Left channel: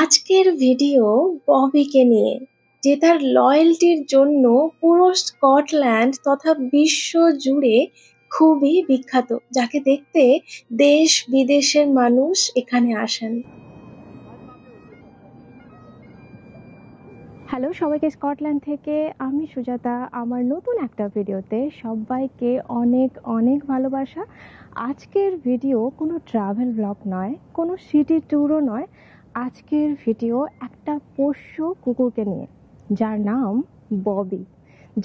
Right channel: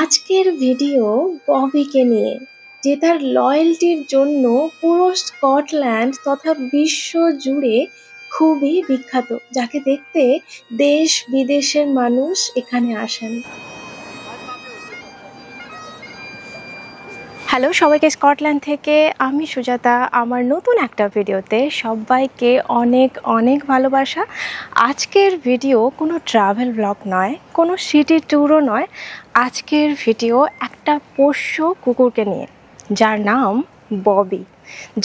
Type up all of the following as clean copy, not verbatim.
আজকের ভিডিও ববিকে নিয়ে, যে তার লয়্যালটির জন্য পুরো স্কটল্যান্ড তথা বিশ্ব জুড়ে খুবই বিখ্যাত, যাকে দেখতে দেশ বিদেশের মানুষ এখানে আসেন। হ্যালো সবাইকে, স্কটল্যান্ড থেকে আমি সুজাতা। আমার নতুন একটা ভিডিওতে সবাইকে অনেক অনেক ভালোবাসা। আজকের ভিডিও কোনো ট্রাভেল ব্লগ নয়, কোনো সিটি ট্যুরও নয়। আজকের ভিডিও একটা পোষ্য কুকুরকে নিয়ে, যার নাম ববি,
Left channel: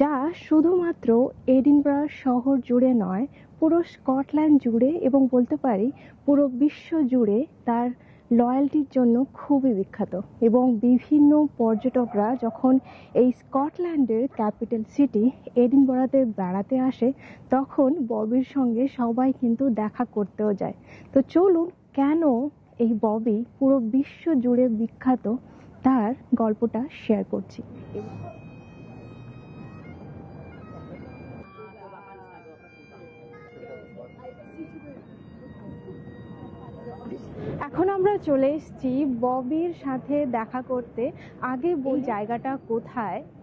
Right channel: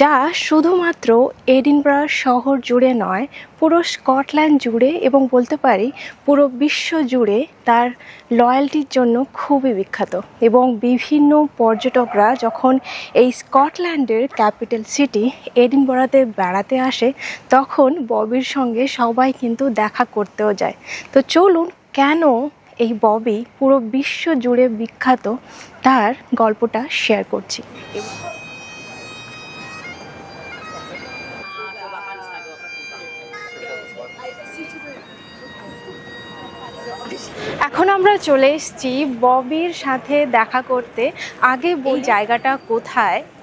যা শুধুমাত্র এডিনবরা শহর জুড়ে নয়, পুরো স্কটল্যান্ড জুড়ে এবং বলতে পারি পুরো বিশ্ব জুড়ে তার লয়্যালটির জন্য খুবই বিখ্যাত। এবং বিভিন্ন পর্যটকরা যখন এই স্কটল্যান্ডের ক্যাপিটাল সিটি এডিনবরাতে বেড়াতে আসে, তখন ববির সঙ্গে সবাই কিন্তু দেখা করতেও যায়। তো চলুন, কেন এই ববি পুরো বিশ্ব জুড়ে বিখ্যাত তার গল্পটা শেয়ার করছি। এখন আমরা চলে এসেছি ববির সাথে দেখা করতে। আগে এই জায়গাটা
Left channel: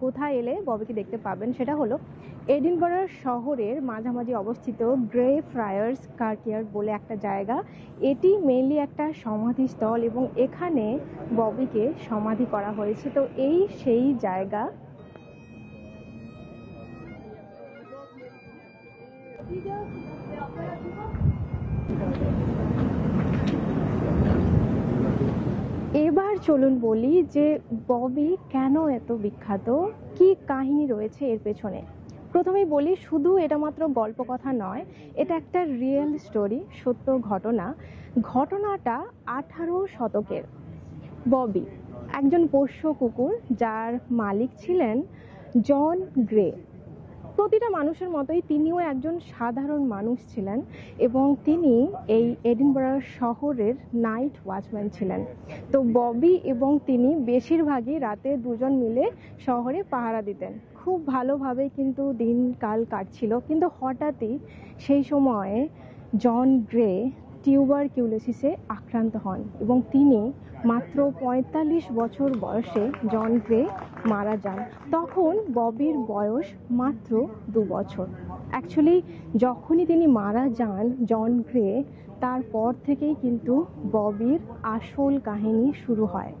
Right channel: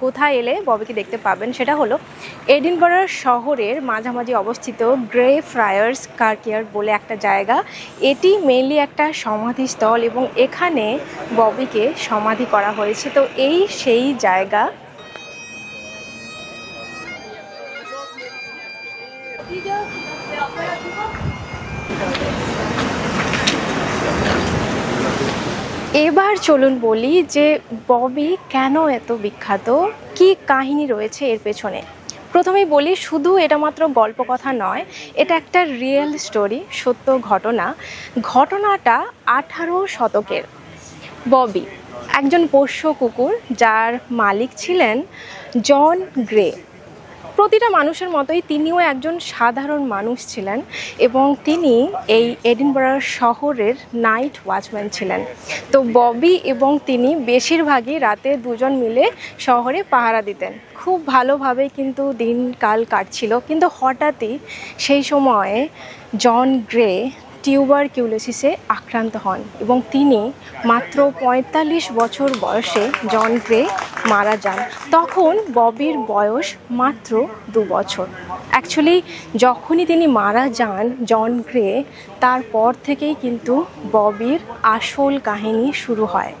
কোথায় এলে ববিকে দেখতে পাবেন, সেটা হলো এডিনবরা শহরের মাঝামাঝি অবস্থিত গ্রে ফ্রায়ার্স কার্কিয়ার্ড বলে একটা জায়গা। এটি মেইনলি একটা সমাধিস্থল এবং এখানে ববিকে সমাধি করা হয়েছে। তো এই সেই জায়গা। এবার চলুন বলি যে ববি কেন এত বিখ্যাত, কি কাহিনী রয়েছে এর পেছনে। প্রথমেই বলি, শুধু এটা মাত্র গল্প কথা নয়, এটা একটা রিয়েল স্টোরি, সত্য ঘটনা। ঘটনাটা 18 শতকের। ববি একজন পোষ্য কুকুর, যার মালিক ছিলেন জন গ্রে। প্রতিটা মানুষের মতোই তিনিও একজন সাধারণ মানুষ ছিলেন এবং তিনি এই এডিনবরা শহরের নাইট ওয়াচম্যান ছিলেন। তো ববি এবং তিনি বেশিরভাগই রাতে দুজন মিলে শহরে পাহারা দিতেন। খুব ভালোভাবেই কিন্তু দিনকাল কাটছিল, কিন্তু হঠাৎই সেই সময়ে জন গ্রে টিউবারকিউলোসিসে আক্রান্ত হন এবং তিনি মাত্র 45 বছর বয়সে জন গ্রে মারা যান। তখন ববির বয়স মাত্র 2 বছর। অ্যাকচুয়ালি যখনই তিনি মারা যান জন গ্রে, তারপর থেকেই কিন্তু ববির আসল কাহিনী শুরু হয়।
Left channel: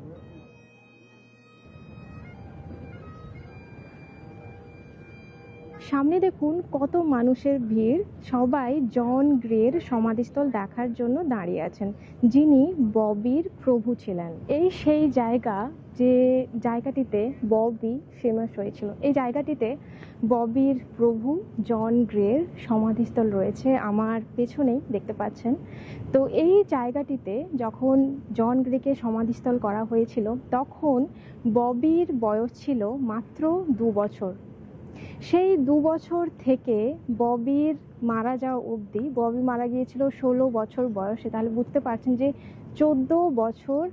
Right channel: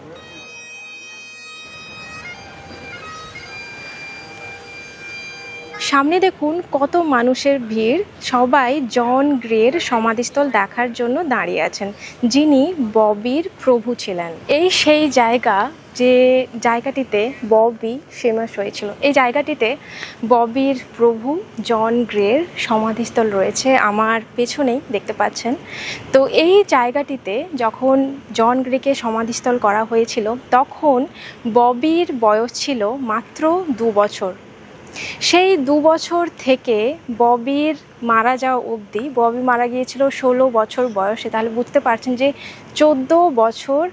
সামনে দেখুন কত মানুষের ভিড়, সবাই জন গ্রের সমাধিস্থল দেখার জন্য দাঁড়িয়ে আছেন, যিনি ববির প্রভু ছিলেন। এই সেই জায়গা যে জায়গাটিতে ববি ফেমাস হয়েছিল। এই জায়গাটিতে ববির প্রভু জন গ্রের সমাধিস্থল রয়েছে, আমার পেছনেই দেখতে পাচ্ছেন। তো এই জায়গাটিতে যখন জন গ্রেকে সমাধিস্থল করা হয়েছিল, তখন ববির বয়স ছিল মাত্র 2 বছর। সেই 2 বছর থেকে ববির মারা যাওয়া অবধি, ববি মারা গিয়েছিল 16 বছর বয়সে। তাহলে বুঝতে পারছেন যে 14 বছর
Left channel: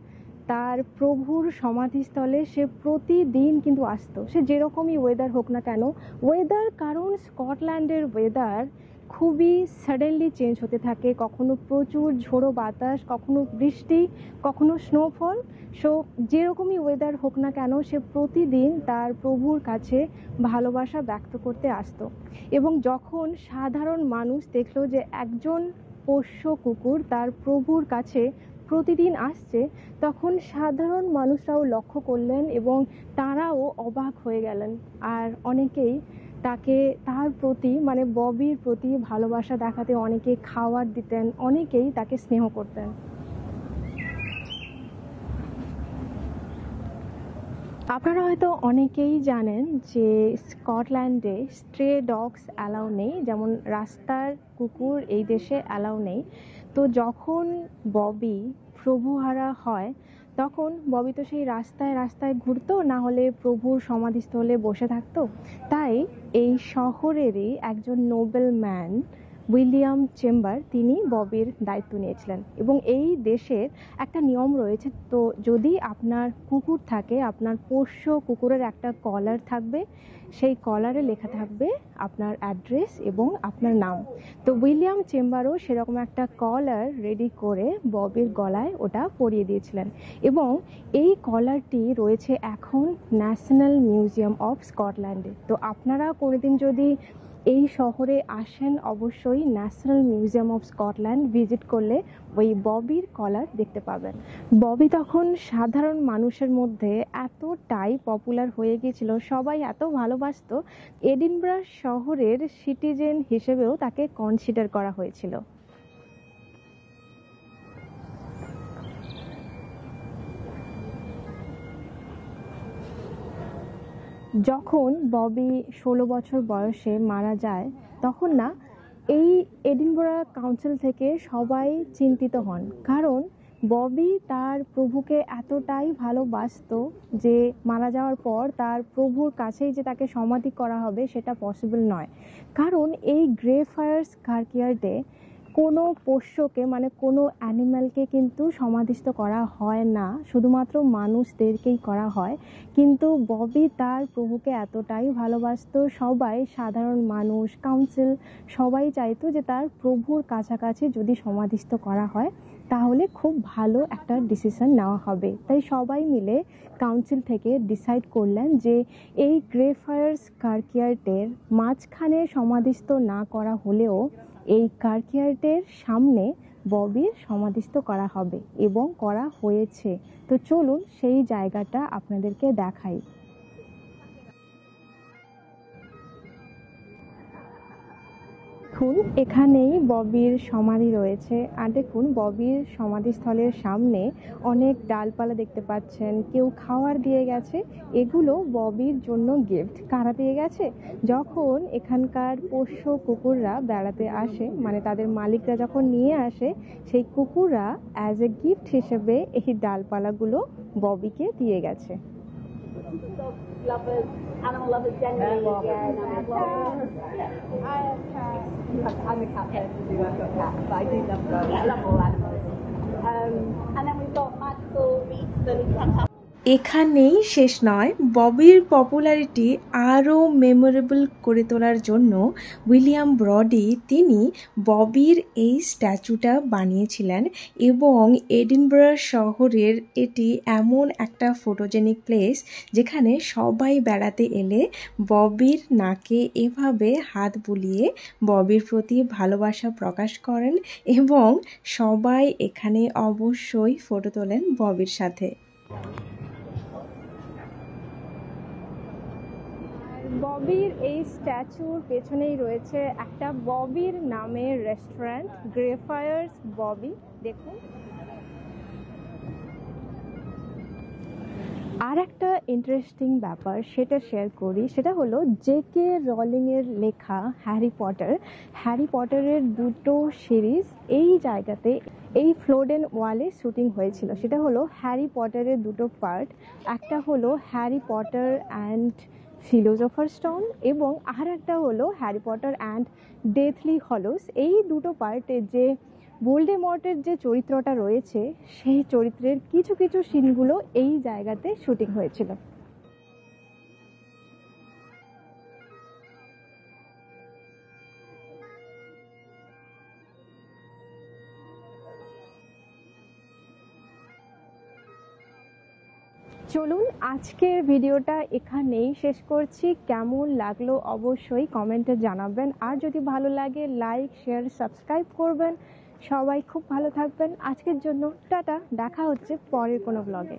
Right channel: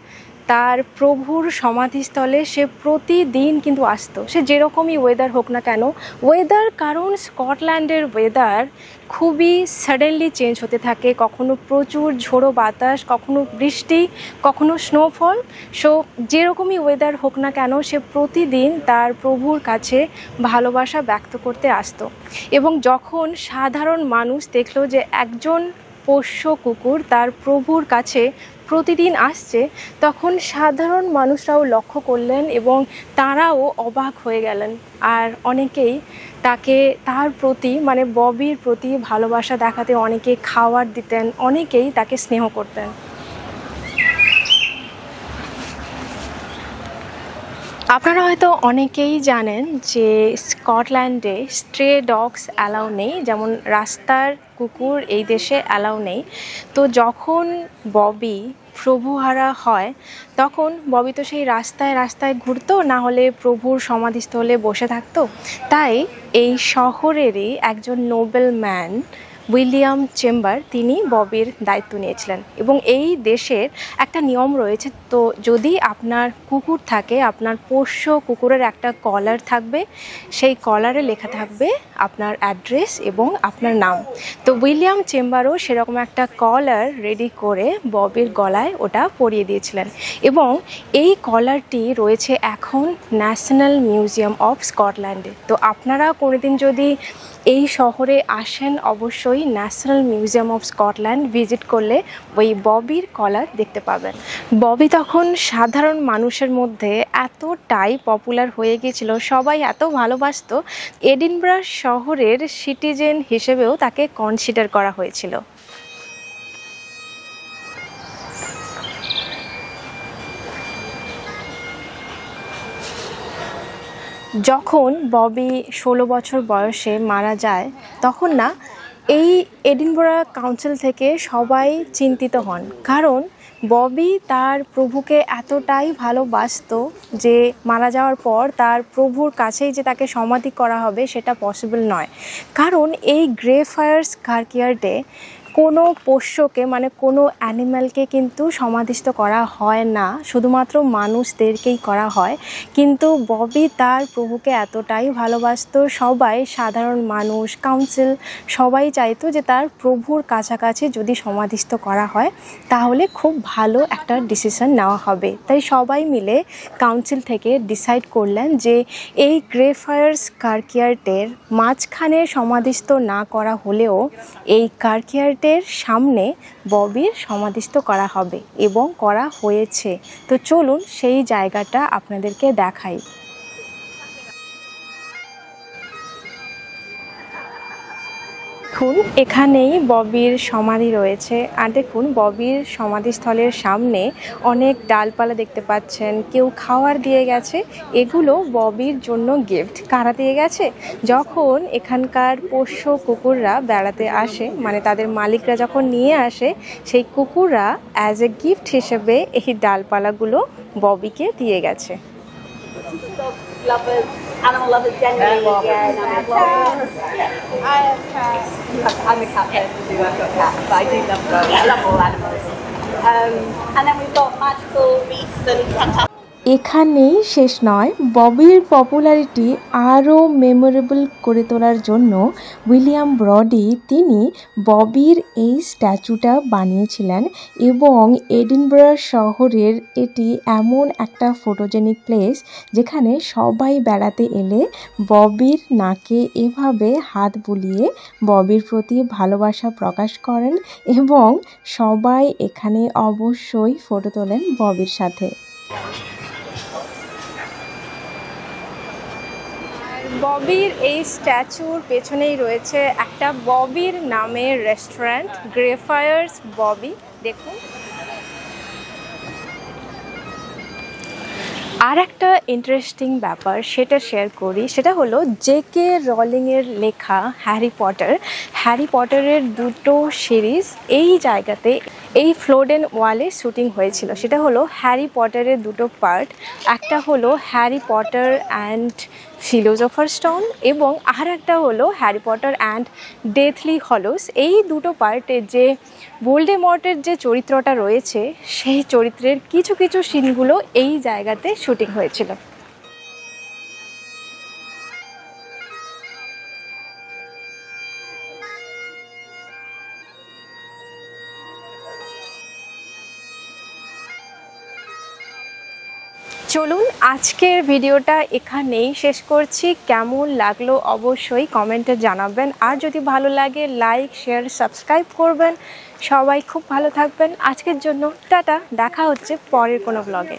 তার প্রভুর সমাধিস্থলে সে প্রতিদিন কিন্তু আসতো, সে যেরকমই ওয়েদার হোক না কেন। কারণ স্কটল্যান্ডের ওয়েদার খুবই সাডেনলি চেঞ্জ হতে থাকে, কখনো প্রচুর ঝোড়ো বাতাস, কখনো বৃষ্টি, কখনো স্নোফল। সো যেরকমই ওয়েদার হোক না কেন, সে প্রতিদিন তার প্রভুর কাছে ভালোবাসা ব্যক্ত করতে আসতো। এবং যখন সাধারণ মানুষ দেখলো যে একজন পোষ্য কুকুর তার প্রভুর কাছে প্রতিদিন আসছে, তখন সাধারণ মানুষরাও লক্ষ্য করলেন এবং তারাও অবাক হয়ে গেলেন। আর অনেকেই তাকে, তার প্রতি মানে ববির প্রতি ভালোবাসা দেখাতে অনেকে খাবার দিতেন, অনেকেই তাকে স্নেহ করতেন। আপনারা হয়তো অনেকেই জানেন যে স্কটল্যান্ডে স্ট্রে ডগস অ্যালাউ নেই, যেমন রাস্তার কুকুর এই দেশে অ্যালাউ নেই। তো যখন ববি প্রভুহারা হয়, তখন ববি তো সেই রাস্তায় রাস্তায় ঘুরতো, না হলে প্রভুর সমাধিস্থলে বসে থাকতো। তাই এই শহরেরই একজন নোবেল ম্যান উইলিয়াম চেম্বার তিনি ববির দায়িত্ব নিয়েছিলেন। এবং এই দেশের একটা নিয়ম রয়েছে, তো যদি আপনার কুকুর থাকে, আপনার পোষ্য কুকুরের একটা কলার থাকবে, সেই কলারে লেখা থাকবে আপনার অ্যাড্রেস এবং আপনার নাম। তো উইলিয়াম চেম্বারও সেরকম একটা কলার রেডি করে ববির গলায় ওটা পরিয়ে দিয়েছিলেন। এবং এই কলারটি রয়েছে এখন ন্যাশনাল মিউজিয়াম অফ স্কটল্যান্ডে। তো আপনারা কোনোদিন যদি এই শহরে আসেন, অবশ্যই national museum of Scotland visit করলে ওই ববির কলার দেখতে পাবেন। ববি তখন সাধারণ মানুষের মধ্যে এতটাই পপুলার হয়ে গিয়েছিল, সবাই এত ভালোবাসতো, এডিনবরা শহরের সিটিজেন হিসেবেও তাকে কনসিডার করা হয়েছিল। যখন ববি 16 বছর বয়সে মারা যায়, তখন না এই এডিনবরা কাউন্সিল থেকে সবাই চিন্তিত হন, কারণ ববি তার প্রভুকে এতটাই ভালোবাসতো যে মারা যাওয়ার পর তার প্রভুর কাছেই যে তাকে সমাধি করা হবে সেটা পসিবল নয়। কারণ এই গ্রেফায়ার্স কার্কিয়ার্ডে কোনো পোষ্যকে মানে কোনো অ্যানিম্যালকে কিন্তু সমাধিস্থ করা হয় না, শুধুমাত্র মানুষদেরকেই করা হয়। কিন্তু ববি তার প্রভুকে এতটাই ভালোবাসতো, সবাই সাধারণ মানুষ, কাউন্সিল সবাই চাইতো যে তার প্রভুর কাছাকাছি যদি সমাধিস্থ করা হয় তাহলে খুব ভালো একটা ডিসিশন নেওয়া হবে। তাই সবাই মিলে কাউন্সিল থেকে ডিসাইড করলেন যে এই গ্রেফায়ার্স কার্কিয়ার্ডের মাঝখানে সমাধিস্থ না করা হলেও এই কার্কিয়ার্ডের সামনে ববির সমাধিস্থ করা হবে, এবং করা হয়েছে। তো চলুন সেই জায়গাটা আপনাদেরকে দেখাই। দেখুন, এখানেই ববির সমাধি রয়েছে। আর দেখুন, ববির সমাধিস্থলের সামনে অনেক ডালপালা দেখতে পাচ্ছেন, কেউ খাওয়ার দিয়ে গেছে। এগুলো ববির জন্য গিফট। কারা দিয়ে গেছে? যখন এখানকার পোষ্য কুকুররা বেড়াতে আসে, মানে তাদের মালিকরা যখন নিয়ে আসে, সেই কুকুররা অ্যাজ এ গিফট হিসেবে এই ডালপালাগুলো ববিকে দিয়ে গেছে। Animal lovers generally, yeah, animal lovers. I have cats. I'm a cat person too. I've got cats, but I do love dogs. I love all animals. And then we've got magical wreaths and fantastic. এখানেই শেষ নয়, ববির popularity আরও memorable করে তোলার জন্য William ব্রডি তিনি ববির এই স্ট্যাচুটা বানিয়েছিলেন। এবং এডিনবরা শহরের এটি এমন একটা ফটোজেনিক প্লেস যেখানে সবাই বেড়াতে এলে ববির নাকে এভাবে হাত বুলিয়ে ববির প্রতি ভালোবাসা প্রকাশ করেন, এবং সবাই এখানে অবশ্যই ফটো তোলেন ববির সাথে। ববির এই স্ট্যাচুর পেছনেই রয়েছে একটা ববির নামের রেস্টুরেন্ট, গ্রেফায়ার্স ববি। দেখুন, আর একটা ইন্টারেস্টিং ব্যাপার সেটা শেয়ার করি, সেটা হলো জে.কে. রলিংয়ের লেখা হ্যারি পটারের দুটো সিরিজ এই জায়গাতে, এই ফ্লোডেন ওয়ালে শুটিং হয়েছিল। সেটা হলো হ্যারি পটারের দুটো পার্ট, একটা হলো Harry Potter and philosopher stone, এবং আর একটা হলো Harry Potter and Deathly hollows. এই দুটো পার্টে যে ভোল্ডেমর্টের যে চরিত্রটা রয়েছে, সেই চরিত্রের কিছু কিছু সিনগুলো এই জায়গাতে শুটিং হয়েছিল। চলুন আজকের ভিডিওটা এখানেই শেষ করছি। কেমন লাগলো অবশ্যই কমেন্টে জানাবেন, আর যদি ভালো লাগে লাইক, শেয়ার, সাবস্ক্রাইব করবেন। সবাই খুব ভালো থাকবেন। আজকের জন্য টাটা, দেখা হচ্ছে পরের কোনো ব্লগে।